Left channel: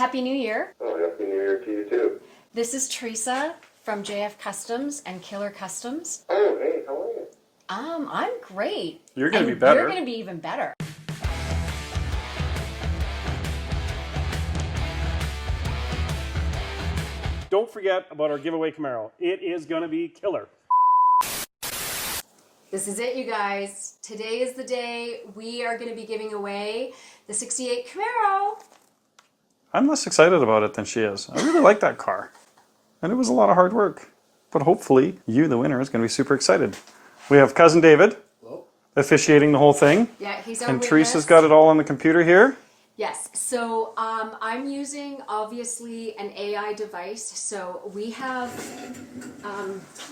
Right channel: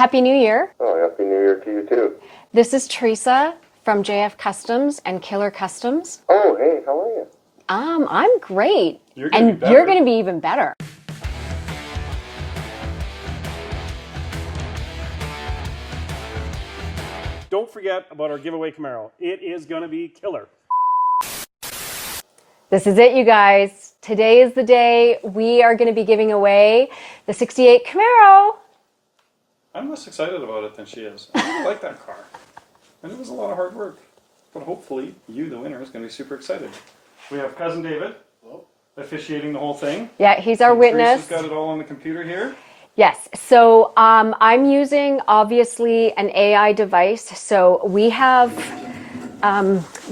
Happy New Year. Oh, Happy New Year to you too. This is Teresa from JF Customs and Killer Customs. Oh, hey, how are you? I'm great. You're going to be better. You're going to be even better. Don't forget about our giveaway Camaro. It is going to be killer. This is it, you guys. Today is the day we are going to be giving away the 68 Camaro. I'm less excited about it than she is. I really like that car. And it was a lot of hard work. But hopefully, you, the winner, is going to be super excited. We have Cousin David officiating the whole thing. Yeah, he's our and witness. Teresa's got it all on the computer here. Yes, so I'm using, obviously, an AI device. So we have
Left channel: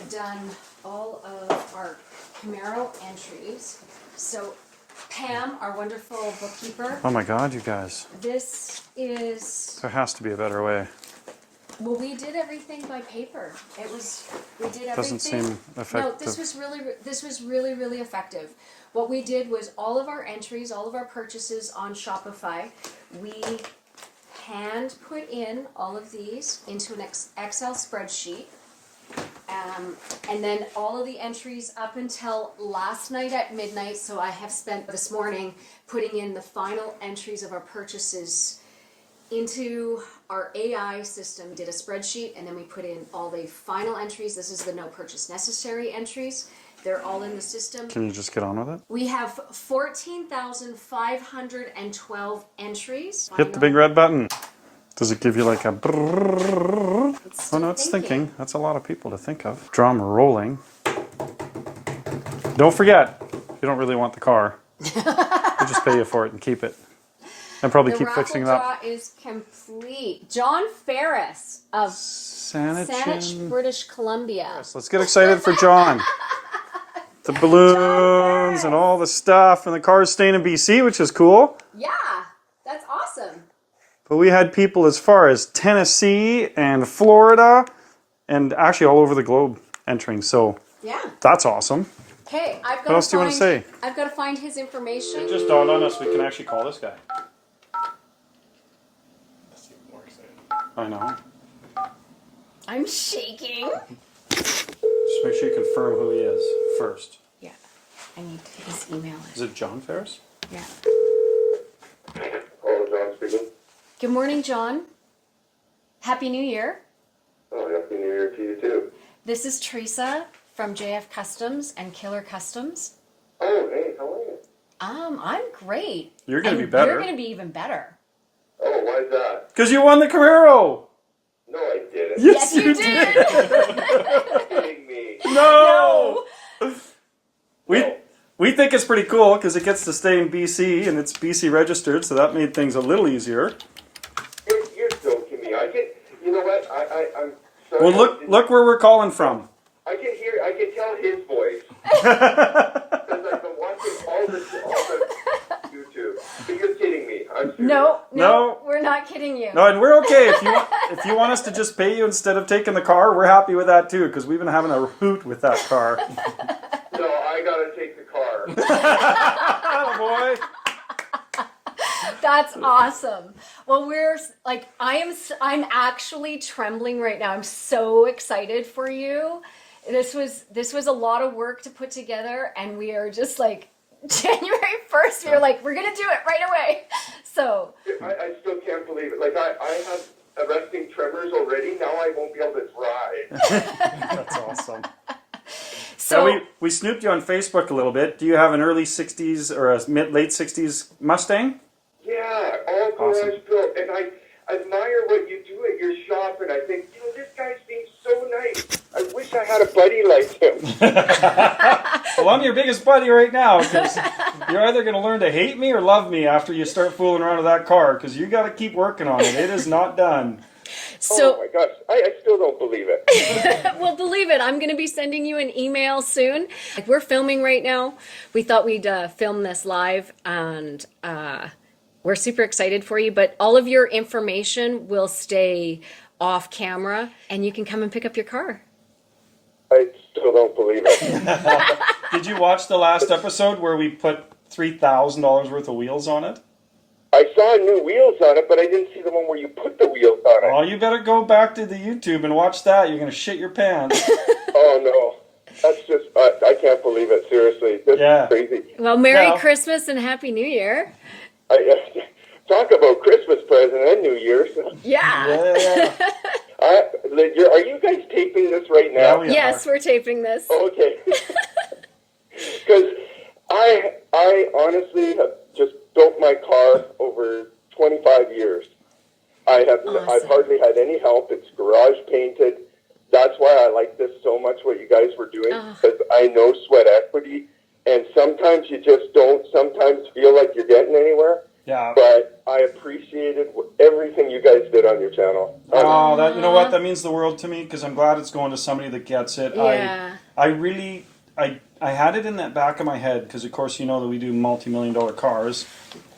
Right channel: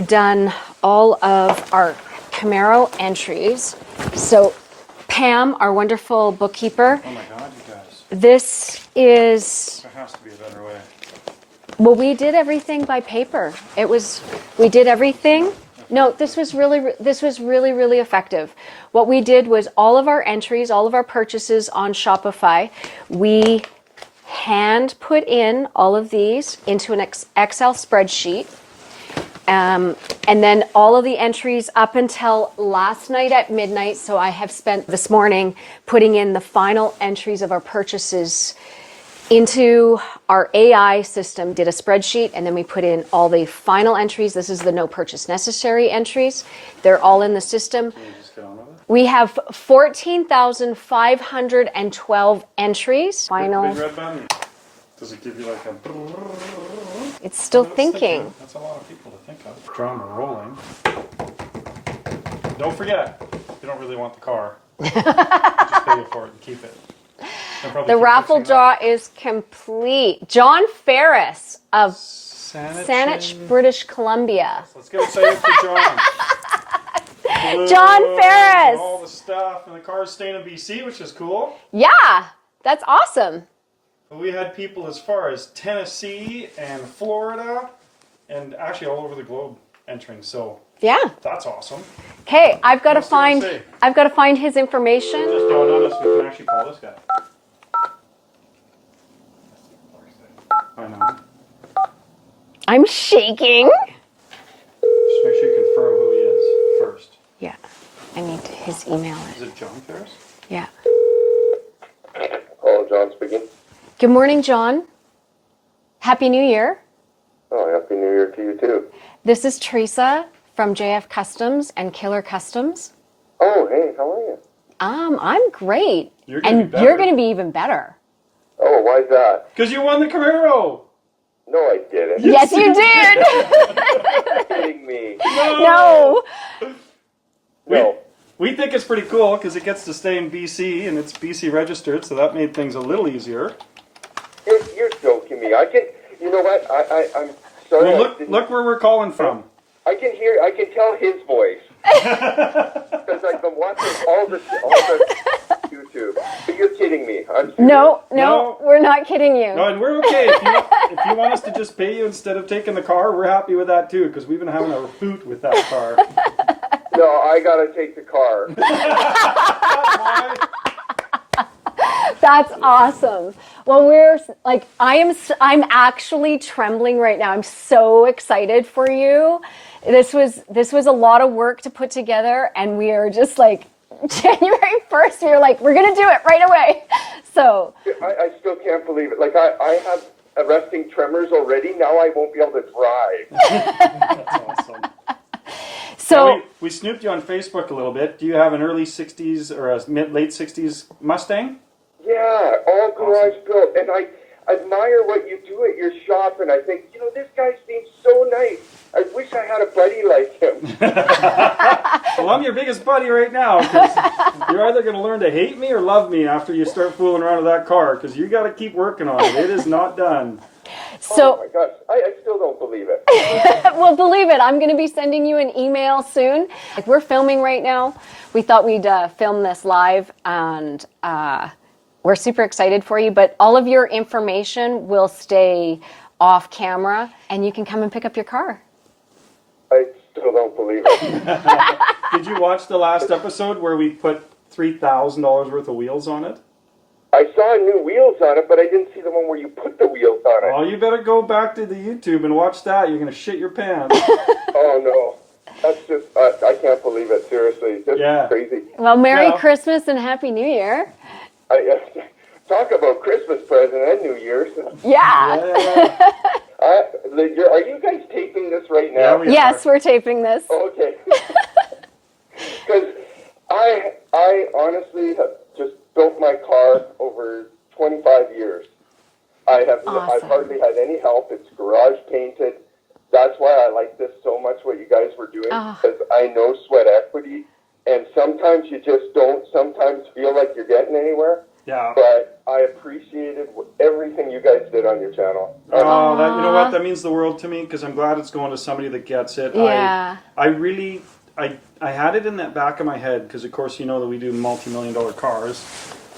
done all of our Camaro entries. So Pam, our wonderful bookkeeper. Oh my God, you guys. This is... There has to be a better way. Well, we did everything by paper. We did everything. No, this was really effective. What we did was all of our entries, all of our purchases on Shopify, we hand put in all of these into an Excel spreadsheet. And then all of the entries up until last night at midnight. So I have spent this morning putting in the final entries of our purchases into our AI system, did a spreadsheet, and then we put in all the final entries. This is the no purchase necessary entries. They're all in the system. Can you just get on with it? We have 14,512 entries. Hit the big red button. Does it give you like a brrrr? It's still No, thinking. That's a lot of people to think of. Drama rolling. Don't forget, you don't really want the car. We'll just pay you for it and keep it. And probably The keep raffle fixing it draw up. is complete. John Ferris of Saanich, Saanich, British Columbia. Let's get excited for John. The balloons John Ferris. and all the stuff, and the car's staying in BC, which is cool. Yeah, that's awesome. But we had people as far as Tennessee and Florida, and actually all over the globe entering. So Yeah. that's awesome. Okay, I've got to else do you wanna find. say? I've got to find his information. Just dawned on us we can actually call this guy. I know. I'm shaking. Just make sure you confirm who he is first. Yeah, I need his email. Is it John Ferris? Yeah. Hello, John speaking. Good morning, John. Happy New Year. Oh, Happy New Year to you too. This is Teresa from JF Customs and Killer Customs. Oh, hey, how are you? I'm great. You're gonna and be better. You're going to be even better. Oh, why's that? Because you won the Camaro! No, I didn't. Yes, you did. You're kidding me. No. We think it's pretty cool because it gets to stay in BC and it's BC registered, so that made things a little easier. You're joking me. You know what? I'm sorry. Well, look where we're calling from. I can tell his voice. Because I've been watching all the YouTube. But you're kidding me. I'm serious. No, No. we're not kidding you. No, and we're okay. If you want us to just pay you instead of taking the car, we're happy with that too, because we've been having a hoot with that car. No, I gotta take the car. Oh, boy. That's awesome. Well, we're like, I'm actually trembling right now. I'm so excited for you. This was a lot of work to put together, and we are just like January 1st. We were like, we're gonna do it right away. So I still can't believe it. Like I have arresting tremors already. Now I won't be able to drive. That's awesome. So Now, we snooped you on Facebook a little bit. Do you have an early 60s or a late 60s Mustang? Yeah, all garage built, and I admire what you do at your shop, and I think, this guy seems so nice. I wish I had a buddy like him. Well, I'm your biggest buddy right now, because you're either going to learn to hate me or love me after you start fooling around with that car, because you got to keep working on it. It is not done. So, oh my gosh, I still don't believe it. well, believe it, I'm going to be sending you an email soon. Like, we're filming right now. We thought we'd film this live, and we're super excited for you, but all of your information will stay off camera, and you can come and pick up your car. I still don't believe it. Did you watch the last episode where we put $3,000 worth of wheels on it? I saw new wheels on it, but I didn't see the one where you put the wheels on it. Oh, you better go back to the YouTube and watch that. You're going to shit your pants. Oh, no. That's just, I can't believe it, seriously. This is crazy. Well, Merry Christmas and Happy New Year. Talk about Christmas present and New Year's. Yeah. Are you guys taping this right now? Yeah, Yes, we're taping this. Okay. Because I honestly have just built my car over 25 years. I've hardly had any help. It's garage painted. That's why I like this so much, what you guys were doing, because I know sweat equity, and sometimes you just don't sometimes feel like you're getting anywhere. Yeah. But I appreciated everything you guys did on your channel. Oh, you know what? That means the world to me, because I'm glad it's going to somebody that gets it. Yeah. I had it in that back of my head, because of course you know that we do multi-million-dollar cars,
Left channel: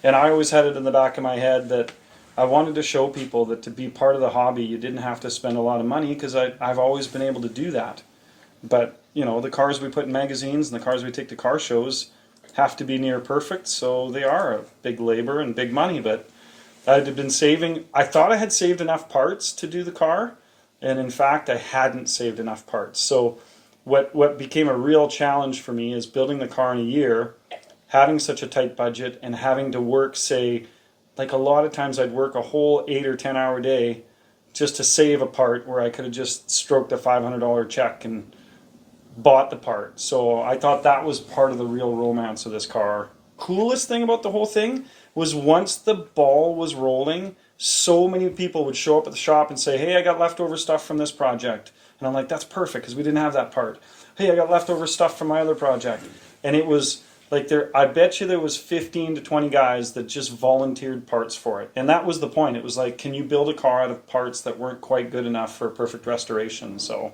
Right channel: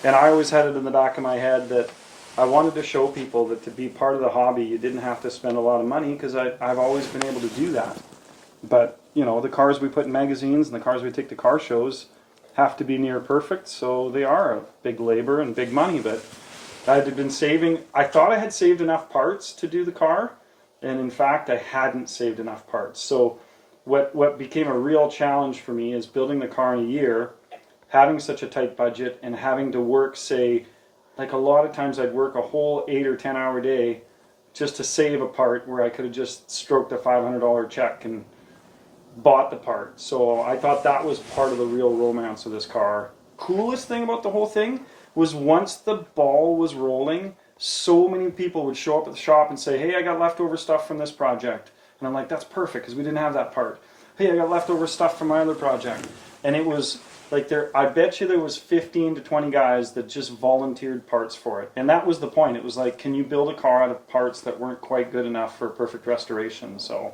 and I always had it in the back of my head that I wanted to show people that to be part of the hobby, you didn't have to spend a lot of money, because I've always been able to do that. But, you know, the cars we put in magazines and the cars we take to car shows have to be near perfect, so they are a big labor and big money. But I had been saving, I thought I had saved enough parts to do the car, and in fact I hadn't saved enough parts. So what became a real challenge for me is building the car in a year, having such a tight budget, and having to work, say, like a lot of times I'd work a whole 8 or 10 hour day just to save a part where I could have just stroked a $500 check and bought the part. So I thought that was part of the real romance of this car. Coolest thing about the whole thing was once the ball was rolling, so many people would show up at the shop and say, hey, I got leftover stuff from this project. And I'm like, that's perfect, because we didn't have that part. Hey, I got leftover stuff from my other project. And it was like, I bet you there was 15 to 20 guys that just volunteered parts for it. And that was the point. It was like, can you build a car out of parts that weren't quite good enough for perfect restoration? So,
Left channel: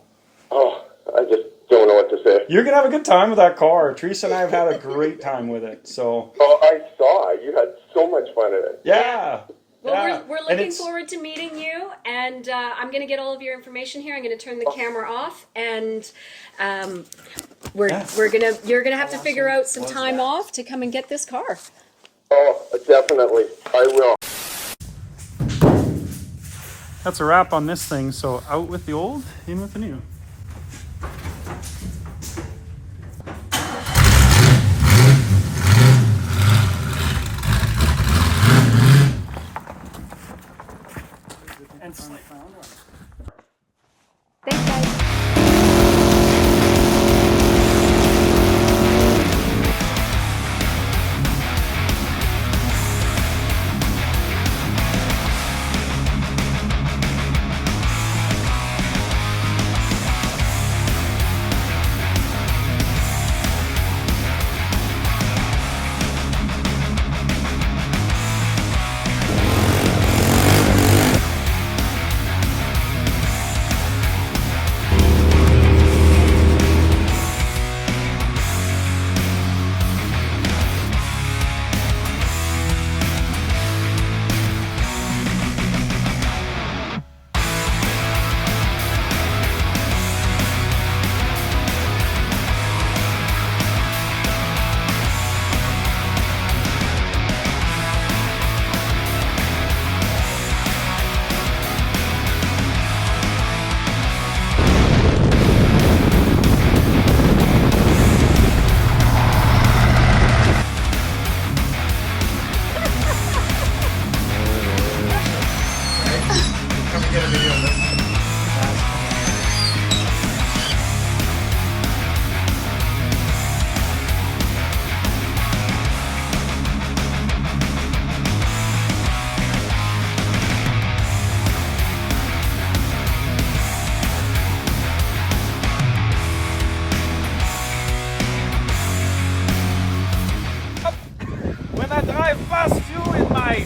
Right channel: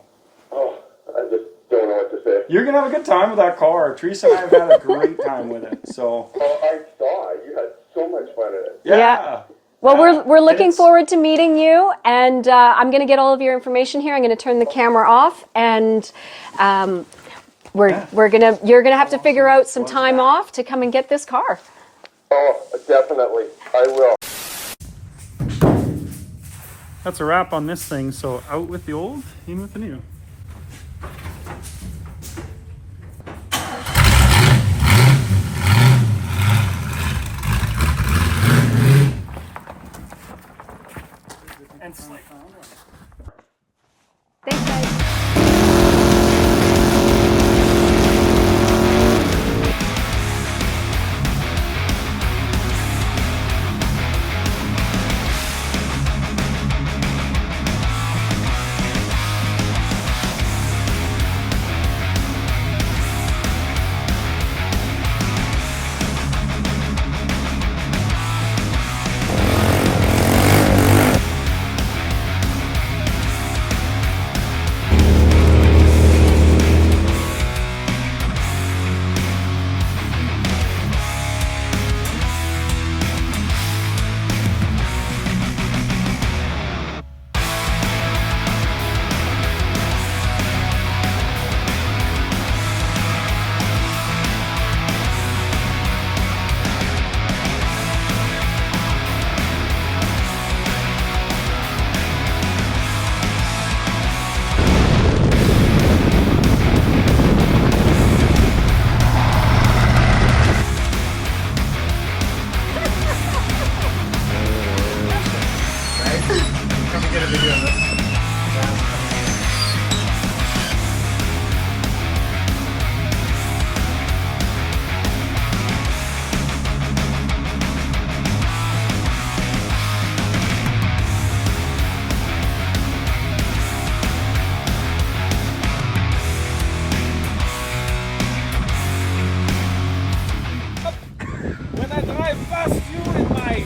oh, I just don't know what to say. You're going to have a good time with that car. Teresa and I have had a great time with it. So. Oh, I saw. You had so much fun in it. Yeah. Well, we're looking forward to meeting you, and I'm going to get all of your information here. I'm going to turn the camera off, and you're gonna have to figure out some time off to come and get this car. Oh, definitely, I will. That's a wrap on this thing. So out with the old, in with the new. Thanks, guys. When I drive past you in my